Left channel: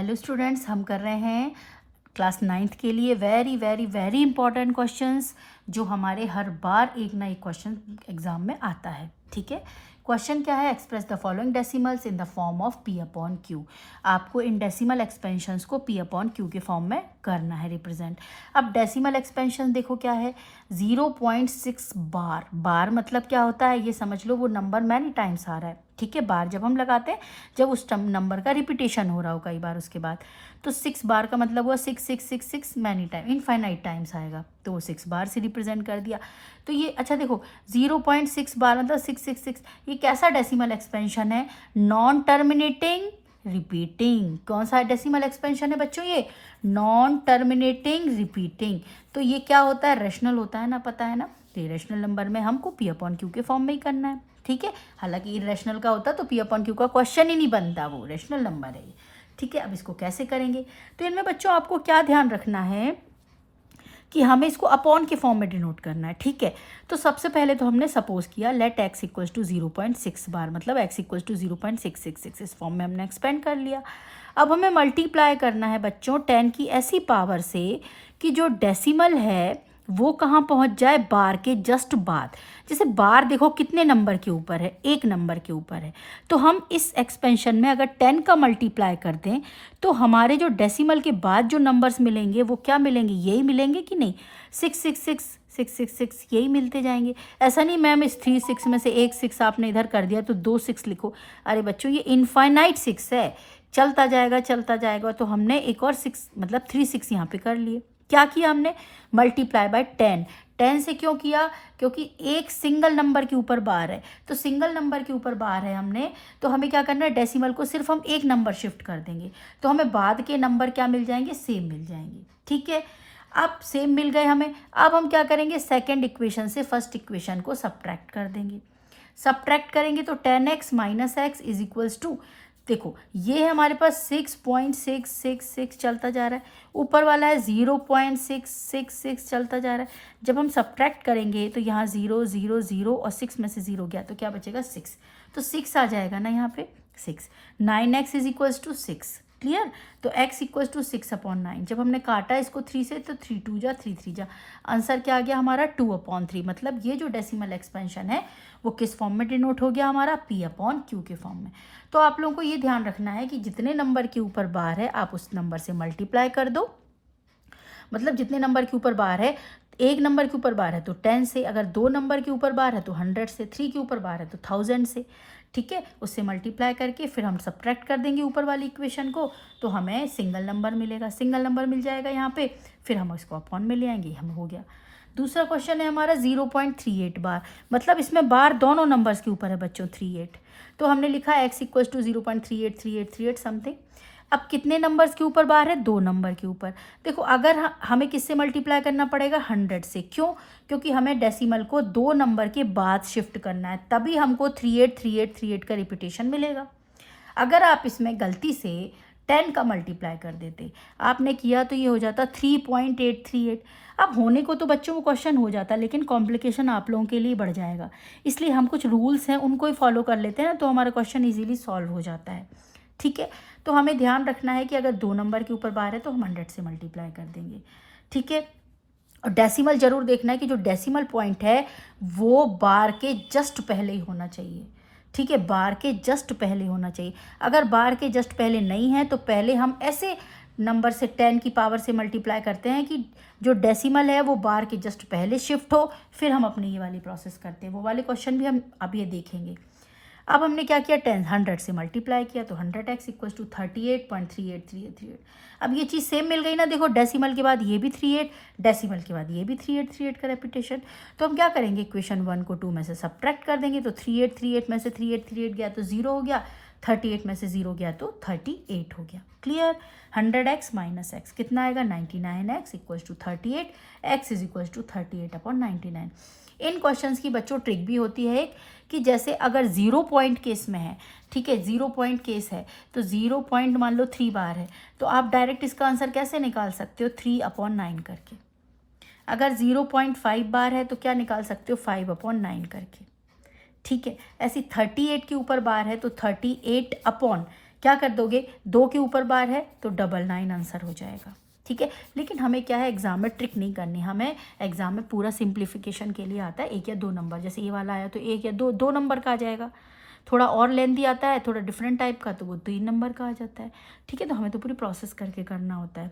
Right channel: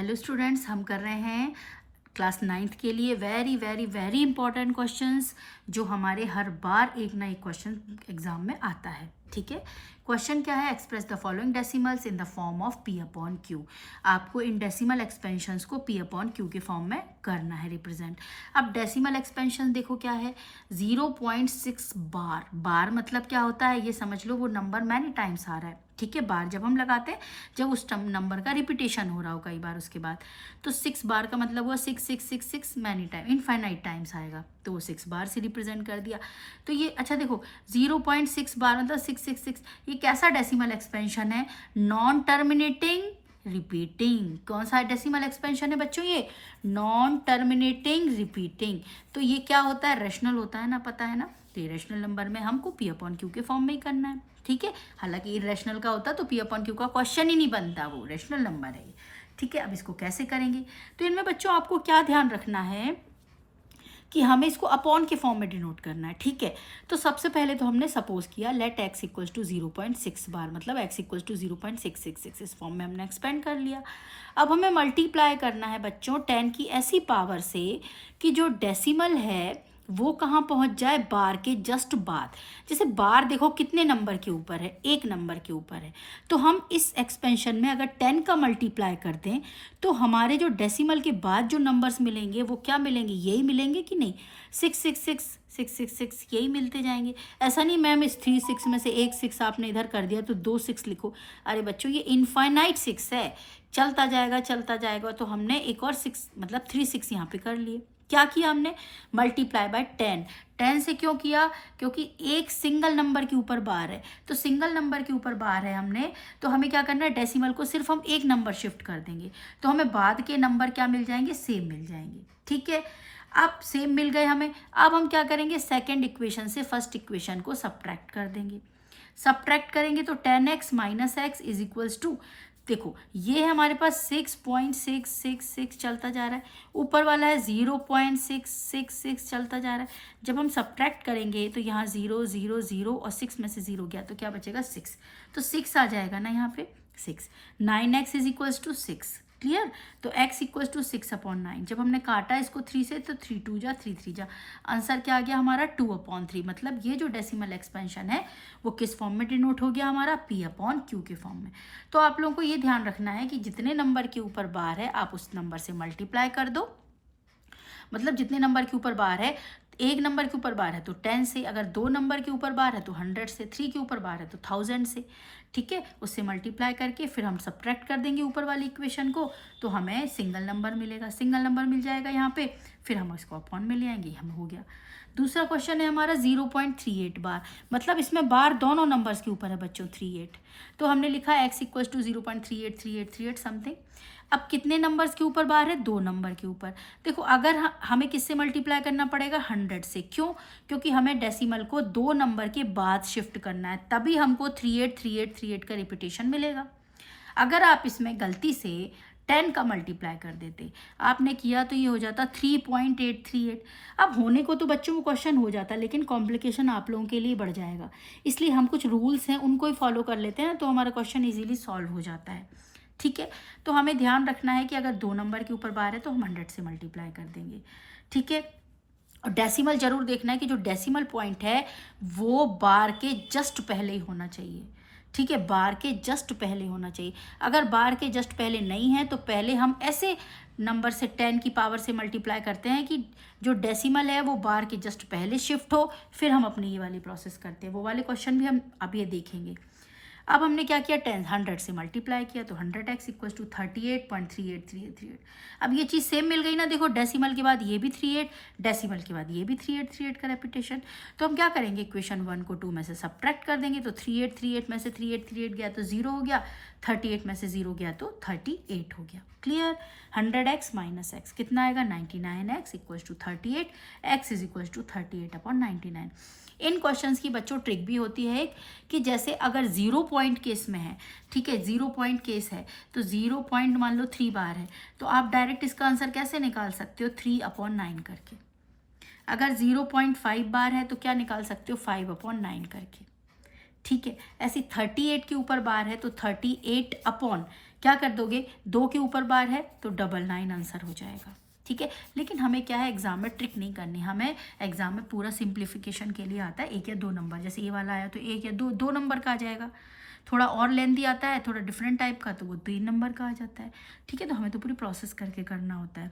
Hello students, हम कर रहे हैं क्लास 9th के लिए very very very important questions जो हमारे हर बार एक ना एक क्वेश्चन एग्जाम में आता है। ठीक है, क्वेश्चन क्या है? Express the following decimals in the form of P upon Q. आपको इन डेसिमल एक्सपेंशंस को पी अपॉन क्यू के फॉर्म में करना है रिप्रेजेंट। अब डेसिमल एक्सपेंशन देखो क्या है, 0.6 बार। बार मतलब क्या होता है ये समझ लो, वो नंबर मैनी टाइम्स आ रहा है। ठीक है, बार जब हम लगाते हैं जब उस नंबर का रिपीटेशन हो रहा हो कई बार उसके बाद, तो 6 बार का मतलब हुआ 6 मैनी टाइम, इनफाइनाइट टाइम्स आएगा, तो वो 6 बार से रिप्रेजेंट कर दिया। तो ये अच्छा देखो, 0.6 बार मतलब 666, ये कैसा डेसिमल एक्सपेंशन है? Non terminating repeating. कौन सा डेसिमल एक्सपेंशन है बच्चों? ये नॉन टर्मिनेटिंग रिपीटिंग। तो ये क्या होता है? रेशनल होता है ना, पता है ना। तो रेशनल नंबर में हमको पी अपॉन क्यू के फॉर्म में ही करना है। ठीक है, हालांकि इरेशनल का होता तो पी अपॉन क्यू का क्वेश्चन ही नहीं बनता, वो रेशनल नंबर है। ठीक है, अब इसको कैसे करेंगे? तो इनमें बच्चों आपको क्या ध्यान रखना है कि हमें इसको अपॉन के फॉर्म में डिनोट करना है। ठीक है, तो सबसे पहले तो हमने सपोज किया लेट x इक्वल्स टू 0.6 बार, मतलब x इक्वल्स टू 0.666, इस फॉर्म में हमने एक्सपेंड कर लिया। अब हमें मल्टीप्लाई करना है बच्चों 10 की ऐसी पावर से कि जो डेसिमल है वो कहाँ पहुँच जाए? बार के जस्ट बाद। जैसे बार देखो कितने नंबर के ऊपर है? एक नंबर के ऊपर है। तो हम इस एक्सपेंशन में अगर 10 का मल्टीप्लाई कर दें तो हमारे जो डेसिमल के बाद जो नंबर्स मिलेंगे वो क्या मिलेंगे? यही मिलेंगे कि नहीं? 666 यही मिलते जाएंगे। ऐसा नहीं मैम इस 3 6 में से एक 6 आपने इधर कर दिया तो 2 6 लिखो। अरे बच्चों ये इनफाइनाइट 6 है, चलता जाएगा। तो हमने एक और 6 मतलब 3 6 यहाँ पे कर लिए। क्या किया हमने? Multiply by 10। 10 से क्यों किया? क्योंकि एक सिंगल नंबर के ऊपर बार है, तो सिंगल नंबर के ऊपर बार है हमने, तो हमें क्या करना है? डेसिमल को सिर्फ हम एक नंबर शिफ्ट कर देंगे तो हमें बाद के नंबर क्या मिल जाएंगे? सेम मिल जाएंगे। ठीक है, अब सेम मिल गए हमें। अब हम क्या करेंगे? सेकेंड इक्वेशन से फर्स्ट इक्वेशन को सब्ट्रैक्ट कर देंगे। सब्ट्रैक्ट करेंगे तो 10x minus x is equals to, देखो ये है हमारे पास 6.666 चलता जा रहा है, ऊपर वाला है 0.666 चलता जा रहा है। जब हम सब्ट्रैक्ट करेंगे तो यहाँ 0 0 0 और 6 में से 0 गया तो क्या बचेगा? 6। तो 6 आ जाएगा ना यहाँ पे, 6। 9x is equals to 6। Clear? तो x इक्वल्स टू 6/9। जब हमने काटा इसको 3 से तो 3 2 जा 3 3 जा, आंसर क्या आ गया हमारा? 2/3। मतलब ये जो डेसिमल एक्सपेंशन है वो किस फॉर्म में डिनोट हो गया हमारा? p अपॉन q के फॉर्म में। तो आप लोगों को ये ध्यान रखना है कि जितने नंबर के ऊपर बार है आप उस नंबर से मल्टीप्लाई कर दो। मतलब जितने नंबर के ऊपर बार है, एक नंबर के ऊपर बार है तो 10 से, अगर 2 नंबर के ऊपर बार है तो 100 से, 3 के ऊपर बार है तो 1000 से। ठीक है, उससे मल्टीप्लाई करके फिर हम सब्ट्रैक्ट कर देंगे ऊपर वाली इक्वेशन को, तो हमें सिंगल नंबर मिलेगा। सिंगल नंबर मिल जाएगा यहाँ पे, फिर हम इसको अपॉन में ले आएंगे, हम हो गया। दूसरा क्वेश्चन है हमारा 0.38 बार, मतलब इसमें बार दोनों नंबर्स के ऊपर है बच्चों, 38। तो हमने लिखा x इक्वल्स टू 0.383838 समथिंग। अब कितने नंबर्स के ऊपर बार है? 2 नंबर के ऊपर। देखो अगर हमें किससे मल्टीप्लाई करना पड़ेगा? 100 से। क्यों? क्योंकि हमें डेसिमल को 2 नंबर के बाद शिफ्ट करना है, तभी हमको 383838 का रिपीटेशन मिलेगा। अगर आप इसमें गलती से 10 का मल्टीप्लाई कर देते, आपने किया तो ये हो जाता 3.838। अब होने को तो बच्चों को क्वेश्चन हो जाता है, लेकिन कॉम्प्लिकेशन आप लोगों के लिए बढ़ जाएगा, इसलिए हम कुछ रूल्स हैं उनको ही फॉलो कर लेते हैं तो हमारा क्वेश्चन ईजिली सॉल्व हो जाता है। ठीक है, तो हमें ध्यान रखना है कि अगर 2 नंबर के ऊपर बार है तो हम 100 से मल्टीप्लाई कर देंगे। ठीक है, और डेसिमल जरूर देखना है कि जो डेसिमल पॉइंट है वो बार के जस्ट पहले ही होना चाहिए। ठीक है, बार के जस्ट पहले होना चाहिए। अगर बार के जस्ट पहले नहीं है तो पहले हम ऐसे नंबर से 10 की पावर से मल्टीप्लाई करते हैं कि जो डेसिमल है वो बार के जस्ट पहले शिफ्ट हो, फिर हम अपनी ये वाली प्रोसेस करते हैं। वो वाले क्वेश्चन भी हम अब ये देखेंगे। अब हमने क्या किया? 100 से मल्टीप्लाई किया तो 100x इक्वल्स टू 38.383838। अब ये चीज़ सेम मिल गई ना, देखो डेसिमल के बाद ये भी 38, डेसिमल के बाद ये भी 3838 का रेपिटेशन। तो हम क्या करेंगे? इक्वेशन 1 को 2 में से सब्ट्रैक्ट कर देंगे, तो 3838 में से 3838 गया तो 0 हो गया, 38 में से 0 गया तो 38 हो गया। क्लियर? 100x माइनस एक्स कितना आएगा? 99x equals to 38, x is equals to 38/99। इन क्वेश्चंस की बच्चों ट्रिक भी होती है कि जैसे अगर 0 पॉइंट केस में है, ठीक है 0 पॉइंट केस है तो 0 पॉइंट मान लो 3 बार है, तो आप डायरेक्ट इसका आंसर कैसे निकाल सकते हो? 3/9 करके। अगर 0.5 बार है तो क्या निकाल सकते हो? 5/9 करके। ठीक है, ऐसी 38 के ऊपर बार है तो 38 अपॉन क्या कर दोगे, 2 के ऊपर बार है तो 99 आंसर हो जाएगा, ठीक है। लेकिन हमें क्या है, एग्जाम में ट्रिक नहीं करनी, हमें एग्जाम में पूरा सिंप्लीफिकेशन के लिए आता है 1 या 2 नंबर। जैसे ये वाला आया तो 1 या 2 नंबर का आ जाएगा। थोड़ा और लेंथी आता है, थोड़ा डिफरेंट टाइप का, तो वो 3 नंबर का आ जाता है, ठीक है। तो हमें तो पूरी प्रोसेस करके करना होता है।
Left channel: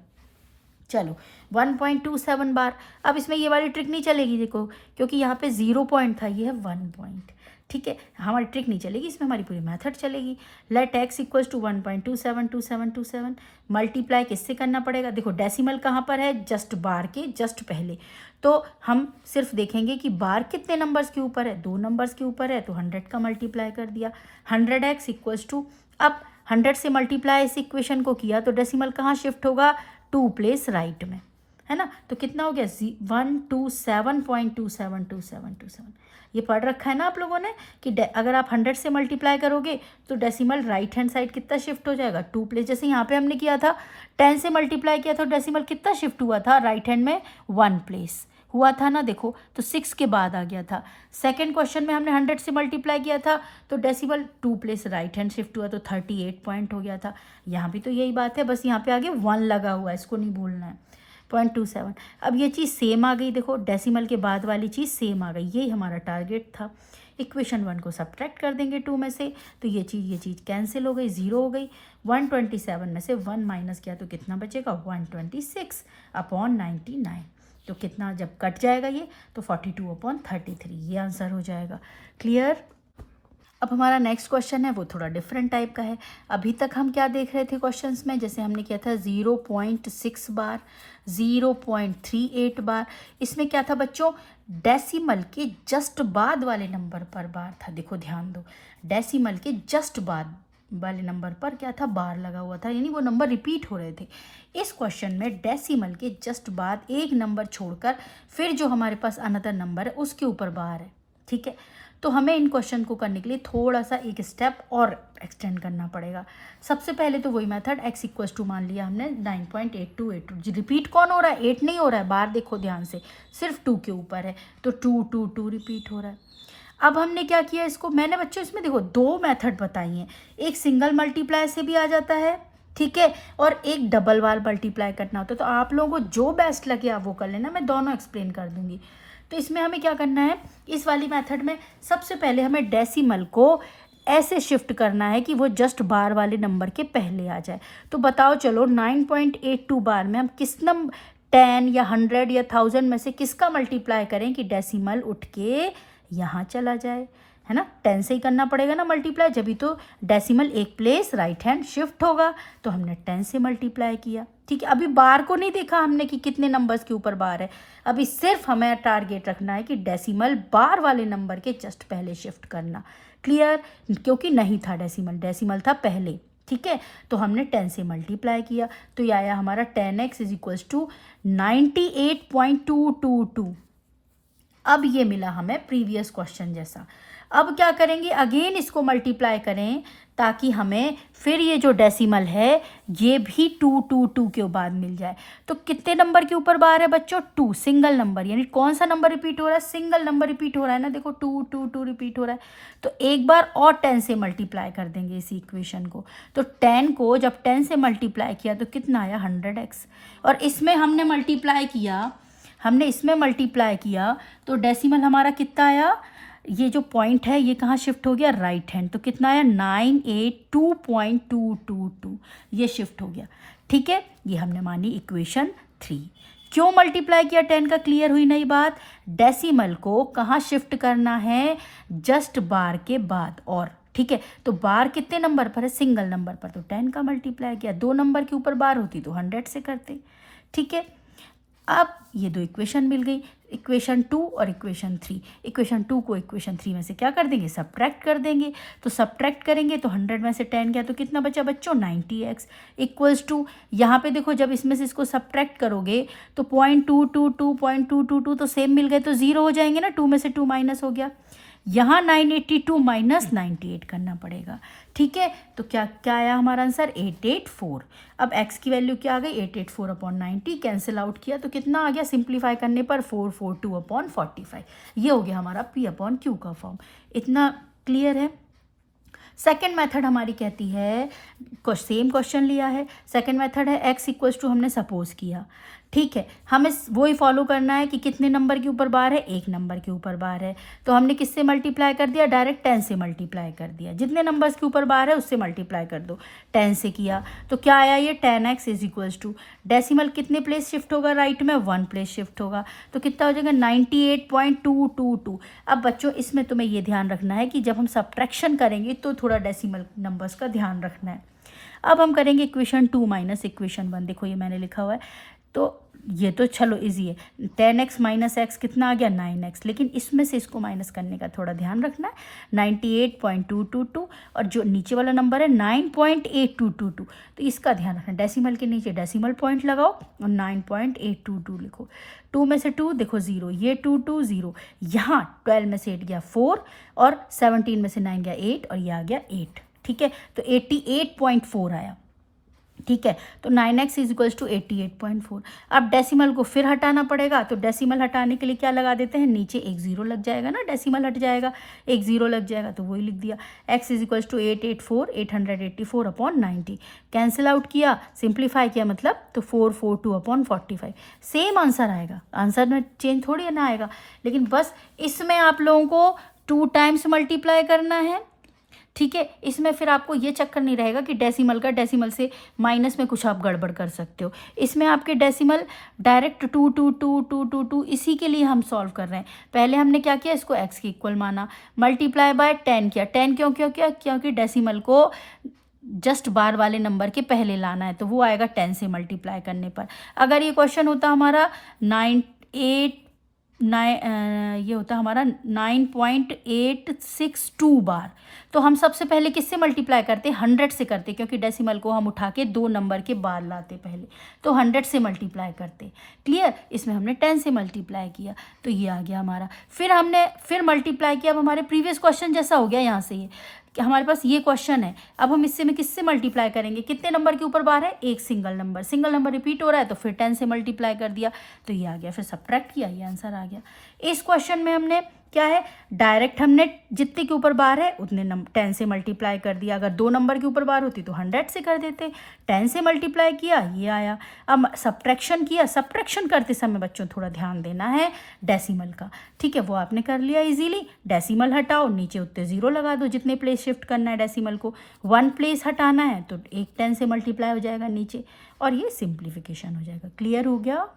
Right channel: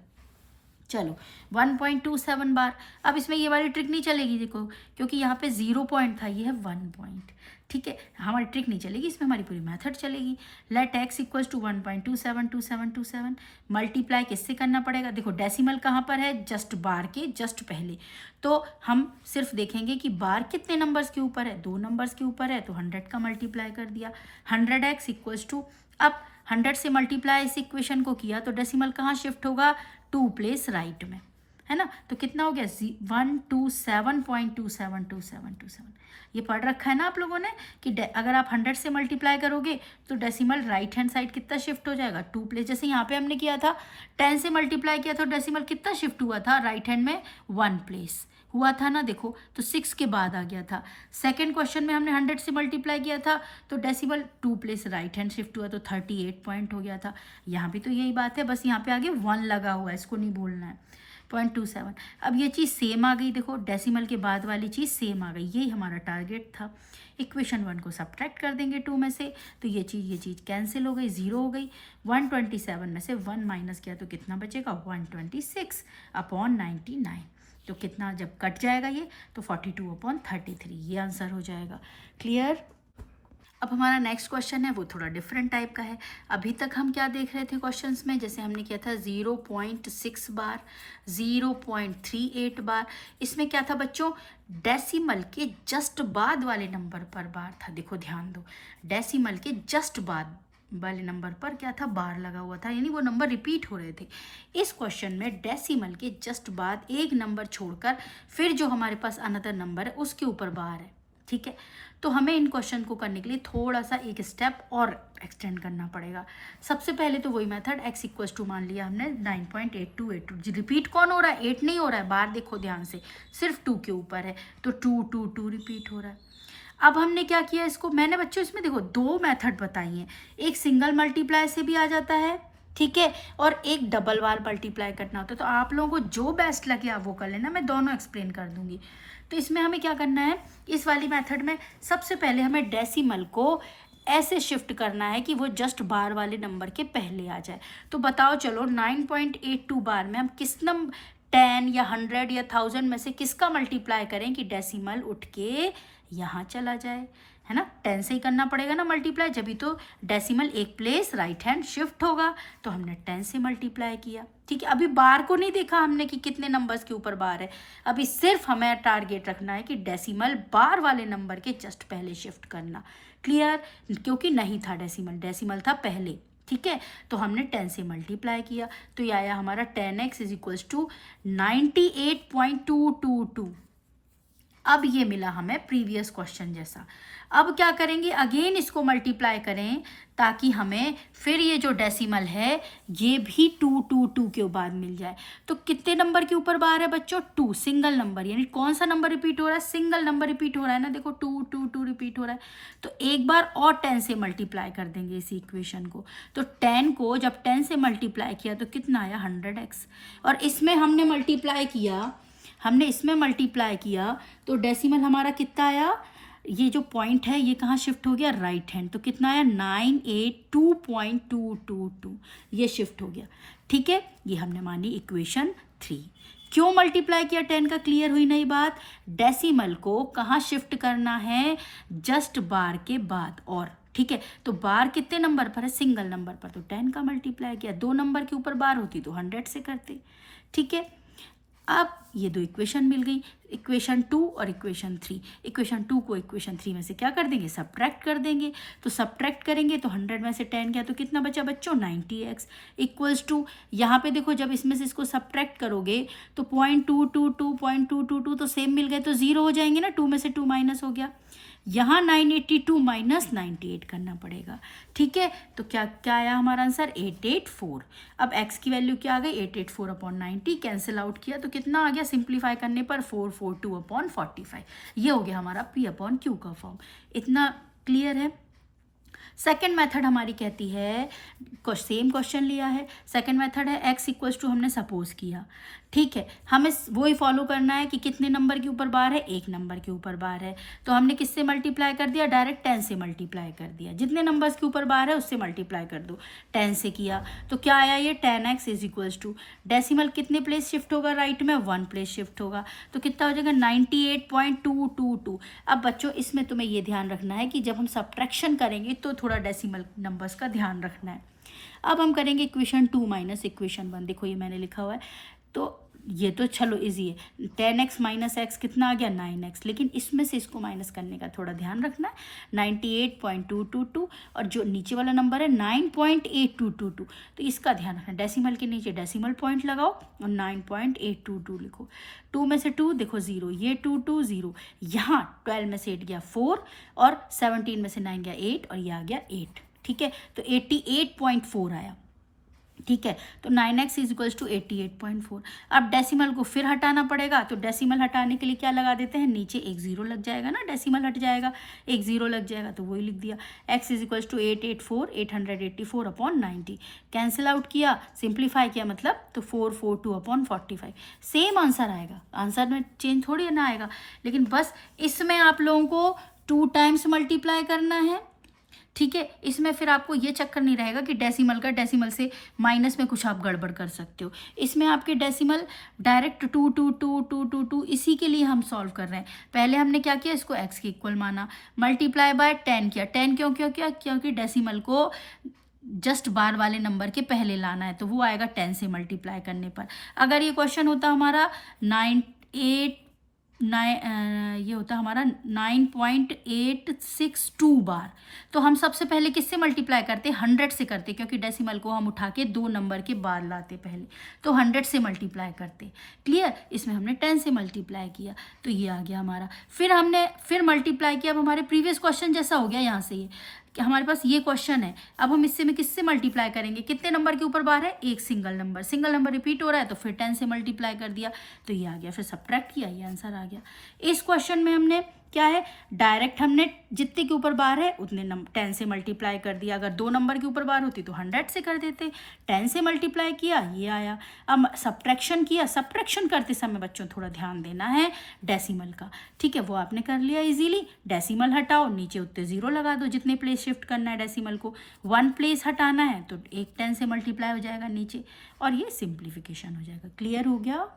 चलो 1.27 बार। अब इसमें ये वाली ट्रिक नहीं चलेगी, देखो, क्योंकि यहाँ पे 0 पॉइंट था, ये है 1 पॉइंट, ठीक है। हमारी ट्रिक नहीं चलेगी, इसमें हमारी पूरी मेथड चलेगी। Let x equals to 1.272727 multiply किससे करना पड़ेगा, देखो डेसिमल कहाँ पर है, जस्ट बार के जस्ट पहले। तो हम सिर्फ देखेंगे कि बार कितने नंबर्स के ऊपर है, 2 नंबर्स के ऊपर है, तो 100 का मल्टीप्लाई कर दिया। 100x इक्वल्स टू, अब 100 से मल्टीप्लाई इस इक्वेशन को किया तो डेसिमल कहाँ शिफ्ट होगा, 2 प्लेस राइट में, है ना। तो कितना हो गया, 127.272727। ये पढ़ रखा है ना आप लोगों ने कि अगर आप 100 से मल्टीप्लाई करोगे तो डेसिमल राइट हैंड साइड कितना शिफ्ट हो जाएगा, 2 प्लेस। जैसे यहाँ पे हमने किया था 10 से मल्टीप्लाई किया था, डेसिमल कितना शिफ्ट हुआ था, राइट हैंड में 1 प्लेस हुआ था ना, देखो, तो 6 के बाद आ गया था। सेकंड क्वेश्चन में हमने 100 से मल्टीप्लाई किया था तो decimal 2 place right hand shift हुआ, तो 38 पॉइंट हो गया था। यहाँ भी तो यही बात है, बस यहाँ पे आगे 1 लगा हुआ है, इसको नहीं भूलना है, 0.27। अब ये चीज़ सेम आ गई, देखो डेसिमल के बाद वाली चीज़ सेम आ गई, यही हमारा टारगेट था। इक्वेशन 1 को सब्ट्रैक्ट कर देंगे 2 में से, तो ये चीज़ कैंसिल हो गई, 0 हो गई। 127 में से 1 माइनस किया तो कितना बचेगा, 126/99। तो कितना जब कट जाएगा ये, तो 42/33, ये आंसर हो जाएगा। क्लियर। अब हमारा नेक्स्ट क्वेश्चन है वो थोड़ा डिफरेंट टाइप का है। अभी तक हम क्या देख रहे थे क्वेश्चंस में, जैसे हमने किया था 0.6 बार, 0.38 बार। इसमें क्या था बच्चों, डेसिमल के जस्ट बाद वाले नंबर पर बार था। देखो ध्यान दो, डेसिमल के जस्ट बाद वाले नंबर पर क्या था, बार लगा हुआ था, यानी वो नंबर रिपीट हो रहे थे। इस क्वेश्चन में डेसिमल के जस्ट बाद एक नंबर छोड़कर फिर जो हमारे पास अनदर नंबर है उसके ऊपर बार है, ठीक है। तो हमें इन क्वेश्चन को करने के लिए थोड़ा सा एक स्टेप और एक्सटेंड करना पड़ेगा। सबसे पहले तो वही मेथड, x इक्वल्स टू मान लिया हमने 9.8282। रिपीट कौन हो रहा है, 8 नहीं हो रहा है, बार देखो ध्यान से, सिर्फ 2 के ऊपर है, तो 2 2 2 रिपीट हो रहा है। अब हमने क्या किया, इसको मैंने बच्चों इसमें देखो 2 मेथड बताई हैं, एक सिंगल मल्टीप्लाई से भी आ जाता है, ठीक है, और एक डबल बार मल्टीप्लाई करना होता है। तो आप लोगों को जो बेस्ट लगे आप वो कर लेना, मैं दोनों एक्सप्लेन कर दूंगी। तो इसमें हमें क्या करना है, इस वाली मेथड में सबसे पहले हमें डेसिमल को ऐसे शिफ्ट करना है कि वो जस्ट बार वाले नंबर के पहले आ जाए। तो बताओ चलो 9.82 बार में हम किस नंबर 10 या 100 या 1000 में से किसका मल्टीप्लाई करें कि डेसिमल उठ के यहाँ चला जाए, है ना। 10 से ही करना पड़ेगा ना मल्टीप्लाई, जब भी तो डेसिमल एक प्लेस राइट हैंड शिफ्ट होगा। तो हमने 10 से मल्टीप्लाई किया, ठीक है। अभी बार को नहीं देखा हमने कि कितने नंबर्स के ऊपर बार है, अभी सिर्फ हमें टारगेट रखना है कि डेसिमल बार वाले नंबर के जस्ट पहले शिफ्ट करना। क्लियर, क्योंकि नहीं था डेसिमल था पहले, ठीक है। तो हमने 10 से मल्टीप्लाई किया, तो ये आया हमारा 10x इज इक्वल्स टू 98.222। अब ये मिला हमें प्रीवियस क्वेश्चन जैसा। अब क्या करेंगे, अगेन इसको मल्टीप्लाई करें ताकि हमें फिर ये जो डेसिमल है ये भी 222 के बाद मिल जाए। तो कितने नंबर के ऊपर बार है बच्चों, 2, सिंगल नंबर, यानी कौन सा नंबर रिपीट हो रहा है, सिंगल नंबर रिपीट हो रहा है ना, देखो 2 2 2 रिपीट हो रहा है। तो एक बार और 10 से मल्टीप्लाई कर देंगे इसी इक्वेशन को। तो 10 को जब 10 से मल्टीप्लाई किया तो कितना आया, 100x। और इसमें हमने मल्टीप्लाई किया तो डेसिमल हमारा कितना आया, ये जो पॉइंट है ये कहाँ शिफ्ट हो गया, राइट हैंड। तो कितना आया, 982.222, ये शिफ्ट हो गया, ठीक है। ये हमने मानी इक्वेशन 3। क्यों मल्टीप्लाई किया 10 का, क्लियर हुई नई बात। डेसिमल को कहाँ शिफ्ट करना है, जस्ट बार के बाद, और ठीक है। तो बार कितने नंबर पर है, सिंगल नंबर पर, तो 10 का मल्टीप्लाई किया। 2 नंबर के ऊपर बार होती तो 100 से करते, ठीक है। अब ये 2 इक्वेशन मिल गई, इक्वेशन 2 और इक्वेशन 3। इक्वेशन 2 को इक्वेशन 3 में से क्या कर देंगे, सब्ट्रैक्ट कर देंगे। तो सब्ट्रैक्ट करेंगे तो 100 में से 10 गया तो कितना बचा बच्चों, 90x इक्वल्स टू, यहाँ पे देखो जब इसमें से इसको सब्ट्रैक्ट करोगे तो 0.222 तो सेम मिल गए, तो 0 हो जाएंगे ना, 2 में से 2 माइनस हो गया। यहाँ 982 माइनस 98 करना पड़ेगा, ठीक है। तो क्या क्या आया हमारा आंसर, 884। अब x की वैल्यू क्या आ गई, 884/90, कैंसिल आउट किया तो कितना आ गया, सिंप्लीफाई करने पर 442/45। ये हो गया हमारा P/Q का फॉर्म। इतना क्लियर है। सेकेंड मेथड हमारी कहती है, सेम क्वेश्चन लिया है, सेकेंड मेथड है x इक्वल्स टू हमने सपोज किया, ठीक है, हमें वही फॉलो करना है कि कितने नंबर के ऊपर बार है, एक नंबर के ऊपर बार है, तो हमने किससे मल्टीप्लाई कर दिया, डायरेक्ट 10 से मल्टीप्लाई कर दिया, जितने नंबर्स के ऊपर बार है उससे मल्टीप्लाई कर दो, 10 से किया तो क्या आया ये 10x is equals to, decimal कितने प्लेस शिफ्ट होगा राइट में, 1 प्लेस शिफ्ट होगा, तो कितना हो जाएगा 98.222। अब बच्चों इसमें तुम्हें ये ध्यान रखना है कि जब हम सब्ट्रैक्शन करेंगे तो थोड़ा डेसिमल नंबर्स का ध्यान रखना है। अब हम करेंगे इक्वेशन 2 माइनस इक्वेशन 1, देखो ये मैंने लिखा हुआ है, तो ये तो चलो इजी है, 10x माइनस एक्स कितना आ गया 9x, लेकिन इसमें से इसको माइनस करने का थोड़ा ध्यान रखना है, 98.222 और जो नीचे वाला नंबर है 9.8222, तो इसका ध्यान रखना, डेसिमल के नीचे डेसिमल पॉइंट लगाओ और 9.822 लिखो, 2 में से 2 देखो 0, ये 2 2 0, यहाँ 12 में से 8 गया 4 और 17 में से 9 गया 8 और ये आ गया 8, ठीक है, तो 88.4 आया, ठीक है, तो 9x इज इक्वल्स टू 88.4। अब डेसिमल को फिर हटाना पड़ेगा, तो डेसिमल हटाने के लिए क्या लगा देते हैं, नीचे एक जीरो लग जाएगा ना, डेसिमल हट जाएगा, एक जीरो लग जाएगा, तो वही लिख दिया, x is equals to 884 cancel out किया, सिंप्लीफाई किया मतलब, तो 442/45, सेम आंसर आएगा, आंसर में चेंज थोड़ी ना आएगा, लेकिन बस इसमें आप लोगों को 2 टाइम्स मल्टीप्लाई करना है, ठीक है, इसमें फिर आपको ये चक्कर नहीं रहेगा कि डेसिमल से माइनस में कुछ आप गड़बड़ कर सकते हो, इसमें आपके डेसिमल डायरेक्ट 2 2 2 2 2 2, इसी के लिए हम सॉल्व कर रहे हैं। पहले हमने क्या किया, इसको x के इक्वल माना, मल्टीप्लाई बाय 10 किया, 10 क्यों किया, क्योंकि डेसिमल को जस्ट बार वाले नंबर के पहले लाना है, तो वो आएगा 10 से मल्टीप्लाई करने पर। अगर ये क्वेश्चन होता हमारा 9.862 बार, तो हम सबसे पहले किससे मल्टीप्लाई करते, 100 से करते, क्योंकि डेसिमल को हम उठा के 2 नंबर के बाद लाते पहले, तो 100 से मल्टीप्लाई करते, क्लियर, इसमें हमने 10 से मल्टीप्लाई किया, तो ये आ गया हमारा, फिर हमने फिर मल्टीप्लाई किया, अब हमारे प्रीवियस क्वेश्चन जैसा हो गया, यहाँ से ये कि हमारे पास ये क्वेश्चन है, अब हम इससे में किससे मल्टीप्लाई करेंगे, कितने नंबर के ऊपर बार है, एक सिंगल नंबर रिपीट हो रहा है, तो फिर 10 से मल्टीप्लाई कर दिया, तो ये आ गया, फिर सब्ट्रैक्ट किया, ये आंसर आ गया। इस क्वेश्चन में हमने क्या है, डायरेक्ट हमने जितने के ऊपर बार है उतने 10 से मल्टीप्लाई कर दिया, अगर 2 नंबर के ऊपर बार होती तो 100 से कर देते, 10 से मल्टीप्लाई किया, ये आया। अब सब्ट्रैक्शन किया, सब्ट्रैक्शन करते समय बच्चों थोड़ा ध्यान देना है डेसिमल का, ठीक है, वो आपने कर लिया इजीली, डेसिमल हटाओ, नीचे उतने 0 लगा दो, जितने प्लेस शिफ्ट करना है डेसिमल को, 1 प्लेस हटाना है तो एक 10 से मल्टीप्लाई हो जाएगा नीचे, और ये सिंप्लीफिकेशन हो जाएगा। क्लियर हो गया।